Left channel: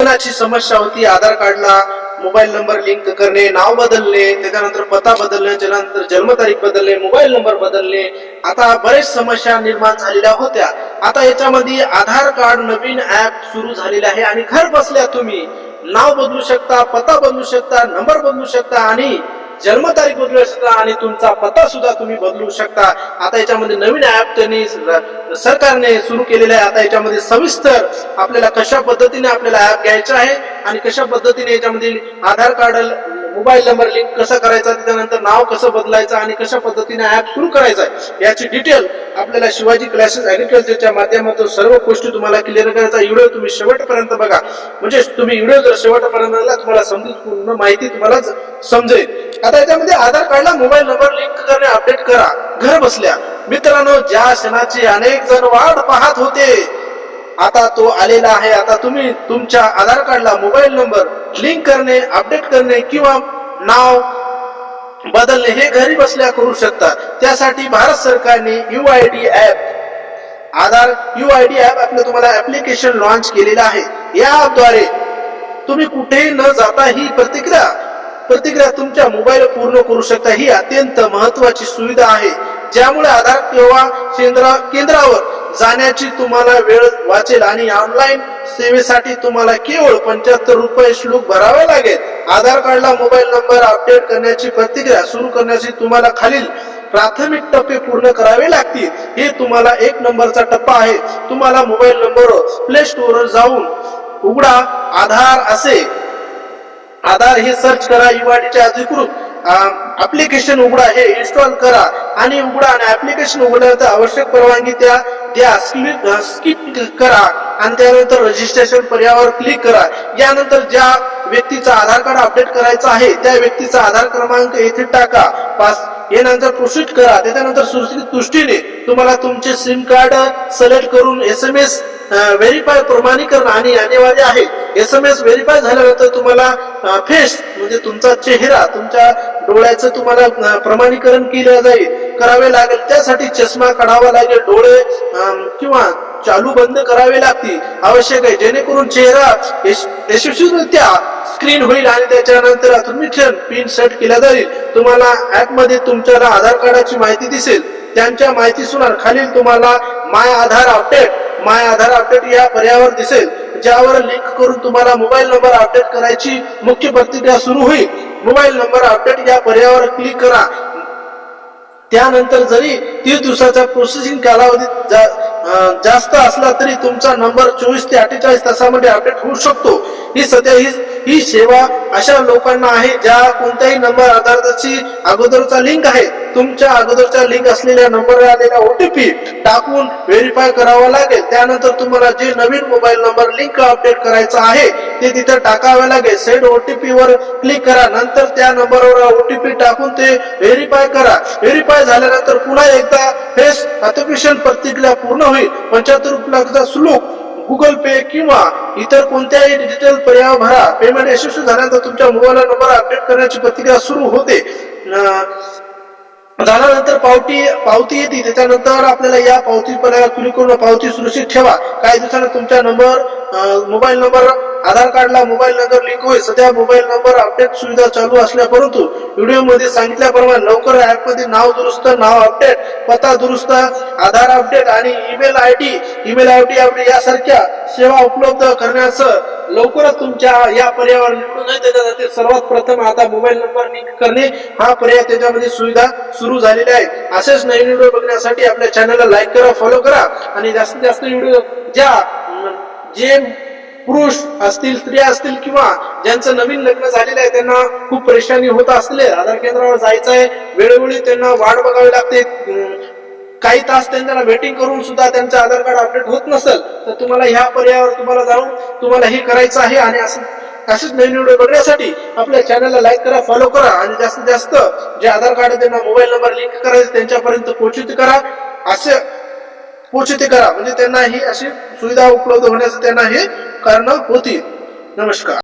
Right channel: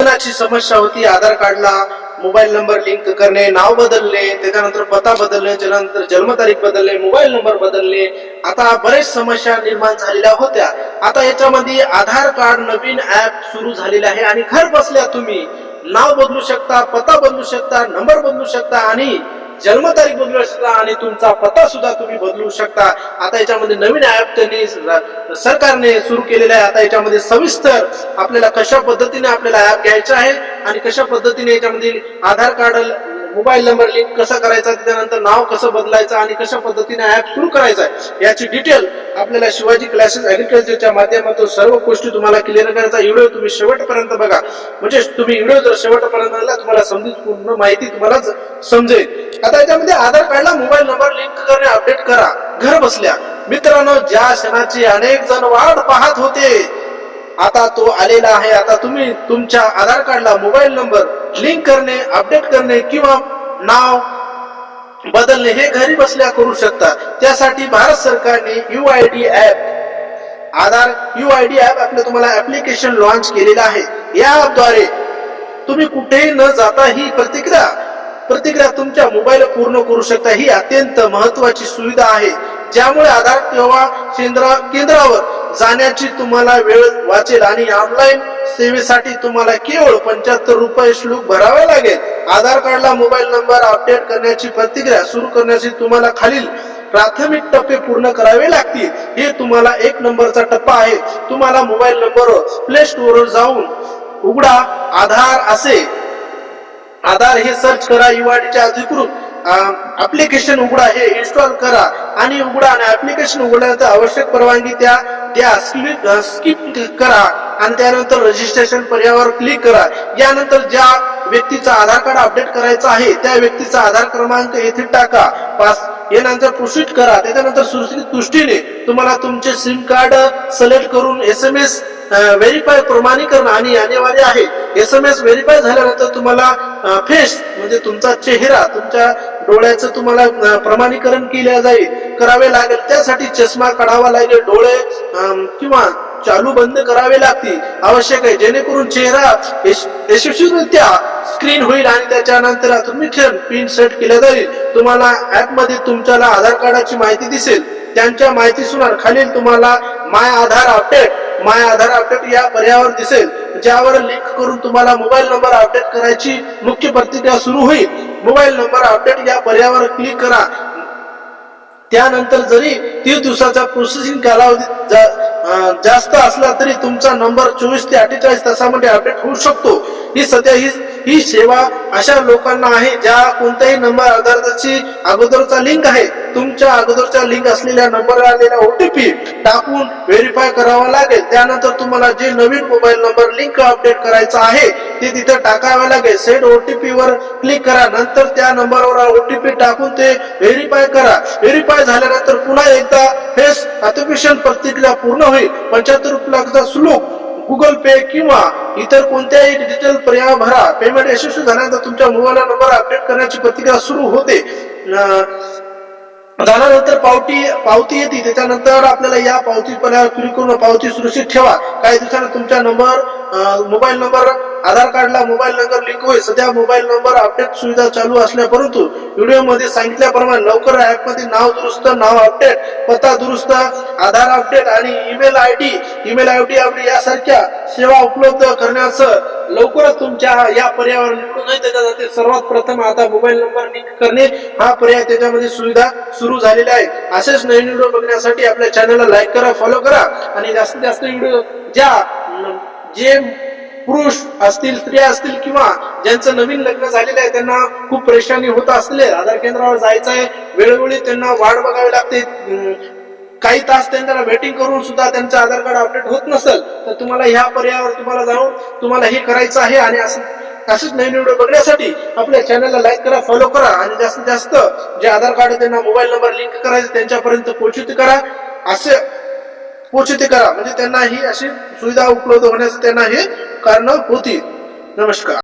ची समस्या होती आधार कार्डला मोबाईल नंबर लिंक करणे, नाव बदलणे, त्याच्यानंतर पत्ता बदलणे, त्यानंतर जन्मतारीख बदलणे, मोबाईल नंबर बदलणे, आता बरेच समस्या निर्माण झालेल्या होत्या। आता याच्यामध्ये आधार कार्ड नवीन ऍप सुरू झालेले आहे आणि घर बसल्या तुम्ही नाव बदलू शकता, पत्ता बदलू शकता, नंबर बदलू शकता आणि जन्मतारीख बदलू शकता आणि तुमचा पत्ता सुद्धा तुम्ही बदलू शकता। आता याच्यामध्ये नवीन ऍप त्यांनी सरकारने सुरू केलेला आहे। आता याच्यामध्ये सविस्तर आपल्याला कशा पद्धतीने आपल्याला ऍप घ्यायचा आहे आणि कशा पद्धतीने याच्यामध्ये आधार कार्ड मोबाईल नंबर लिंक कसा करायचा, त्यानंतर नाव कसं बदलायचं आणि कशा पद्धतीने ऍप सुरू करायचा आहे याची डिटेल आपल्याला शिवाजी क्लासेस ऍग्रीकल्चरच्या माध्यमातून सर्व गोष्टी तुम्हाला क्लिअर करायचा। व्हिडिओ तुम्ही शेवटपर्यंत बघा, म्हणजे तुम्ही व्हिडिओ जर शेवटपर्यंत बघला तुम्हाला पूर्ण माहिती तुम्हाला समजेल। आता याच्यामध्ये आधार कार्डला मोबाईल नंबर लिंक करणे, अपडेट करा घर बसल्या। मित्रांनो, ज्या क्षणाची अनेक जण वाट पाहत होते आता तो आलेला आहे। आता तुम्ही तुमच्या आधार कार्डला मोबाईल नंबर लिंक करणे, अपडेट करणे किंवा नाव बदलणे हे घरी बसल्या करू शकता। त्यासाठी भारत सरकारने UID ऍप आधार UID ऍप आपलं तुम्हाला ऍप्लिकेशन लॉन्च केलेलं आहे। या ऍपद्वारे तुम्ही कुठेही न जाता ही प्रतिक्रिया तुमच्या मोबाईल पूर्ण करू शकता। ही अत्यंत महत्वाची सुविधा आहे, ज्यामुळे आधार किंवा केंद्रावर जाण्याची तुम्हाला वेळ वाचेल आणि ऑनलाईन सेवेसाठी तुम्हाला केवळ 75 रुपये शुल्क भरावे लागेल। आधार कार्डला मोबाईल नंबर अपडेट करण्याची प्रतिक्रिया सुरू करण्यासाठी तुम्हाला खालील प्राथमिक टप्पे पूर्ण करावे लागतील। हे तुम्हाला 1 नंबरचा टप्पा आहे। तुम्हाला मोबाईल नंबर प्ले स्टोअरवर जाऊन उघडा आधार हे सर्च करा, UIDच्या अधिकृत ऍप्लिकेशन उघडा, हे इन्स्टॉल करा आणि उघडा आणि ऍप्लिकेशन उघडल्यानंतर आवश्यक परवानगी द्या, स्किप करा आणि त्यानंतर रजिस्ट्रेशन पर्यायावर क्लिक करा। यानंतर ज्या व्यक्तीचा आधार कार्ड अपडेट करायचा आहे त्या व्यक्तीचा आधार क्रमांक येथे टाका, यानंतर प्रोसीड करा। त्याच्यानंतर सुरक्षित दृष्टीने तुम्हाला तुमचे सिम कार्ड सिलेक्ट करून SMS व्हेरीफाय प्रमाणीकरण आणि अनिवार्य आहे। SMS व्हेरीफाय झाल्यानंतर तुम्हाला फेस म्हणजे तुमचा चेहरा, तुमच्या डोळ्याचं तुम्हाला प्रमाणीकरण करावे लागेल। त्यासाठी चष्मा काढावा लागेल, डोळे किंवा चालू बंद करावे लागतील आवश्यक आहे, जेणेकरून चेहरा यशस्वीरित्या स्क्रीन होईल आणि त्याच्यानंतर ऑथेंटिकेशन पिन सेट केला जाईल। तुम्हाला ऍप मध्ये तुमच्याला आधार कार्डाची माहिती दिसेल, त्यांच्या माहितीनुसार खालील तुम्हाला माय आधार अपडेट या पर्यायावर दिसेल, ज्यावर लिंक करून तुम्हाला मोबाईल नंबर अपडेट करायची मुख्य प्रतिक्रिया सुरू होईल। मोबाईल नंबर अपडेट या पर्यायावर क्लिक करा। त्यानंतर जरी 30 दिवसाचा प्रोसेसिंग कालावधी जास्त असला तरी तुमचा नंबर 24 ते 48 तासामध्ये अपडेट होऊ शकतो। ही सेवा अशा लोकांना आहे ज्या कोणत्याही नंबर आधारची अगोदरचा लिंक आहे, तुमच्या अगोदरचा लिंक असलेल्या नंबर आलेला OTP टाकून व्हेरीफाय करावा लागेल। त्यानंतर तुम्हाला जे नवीन मोबाईल नंबर लिंक अपडेट करायचा आहे ते तिथे टाकावे लागेल। सेंड OTP वर क्लिक करा, नंतर त्या नंबरवर OTP टाकून ते व्हेरीफाय करा। व्हेरीफाय झाल्यानंतर पुन्हा एकदा फेस ऑथेंटिकेशन प्रतिक्रिया पूर्ण होईल। 75 रुपयाचा शुल्क गुगल पे किंवा इतर कोणत्याही डिजिटल पर्याय भरा। पेमेंट यशस्वी झाल्यानंतर तुमच्या मोबाईल नंबर अपडेट करण्याची प्रतिक्रिया सुरू होते। झाल्यानंतर पावती येते, त्याच्यानंतर आपल्याला या पावती पर्यायावर क्लिक करून पावती सुरक्षित ठेवा। काही दिवसांनी तुमच्या मोबाईल नंबर आधार कार्डला मोबाईल नंबर लिंक होईल। सध्या मोबाईल नंबर अपडेट सुविधा चालू असल्या, परंतु व्हिडिओमध्ये सांगितल्याप्रमाणे लवकर ऍपमध्ये नाव दुरुस्त, नाव अपडेट, पत्ता दुरुस्त, आधार अपडेट आणि ईमेल आयडी अपडेट यासारख्या सेवा उपलब्ध करण्याचं लवकरच तुमच्या या पर्यायावर निवडून त्याच्यासाठी सर्वात प्रथम आता मोबाईल नंबर लिंक करणे हा पर्याय त्याच्यामध्ये सुविधा सुरू झालेली आहे। असेच नवीन व्हिडिओ बघण्यासाठी आपल्या चॅनलला लाईक करा, फॉलो करा आणि जास्तीत जास्त व्हिडिओ जे पुरुष असतील, स्त्रिया असतील किंवा ज्यांचं नवीन लग्न झालेलं आहे, त्यांना खूप परेशानी होत असले, आधार केंद्रावर जायचं आहे, वेळोवेळी त्यांना वाट बघावी लागते, काही तास त्यांना वेटिंग करून सुद्धा त्यांचं आधार कार्ड अपडेट होत नसेल, तर तुम्हाला ह्या पर्यायावर तुम्हाला जाऊन तुम्हाला हे करायचं आहे। आणि असेच नवीन व्हिडिओ बघण्यासाठी आपल्या चॅनलला लाईक करा, फॉलो करा आणि जास्तीत जास्त जे आधार कार्ड त्यांना मोबाईल नंबर लिंक करायचे त्यांच्यापर्यंत पोहोचित करा, म्हणजे त्यांना ही अशी सुविधा उपलब्ध होण्याचं त्यांना हे कारण होती। नमस्कार।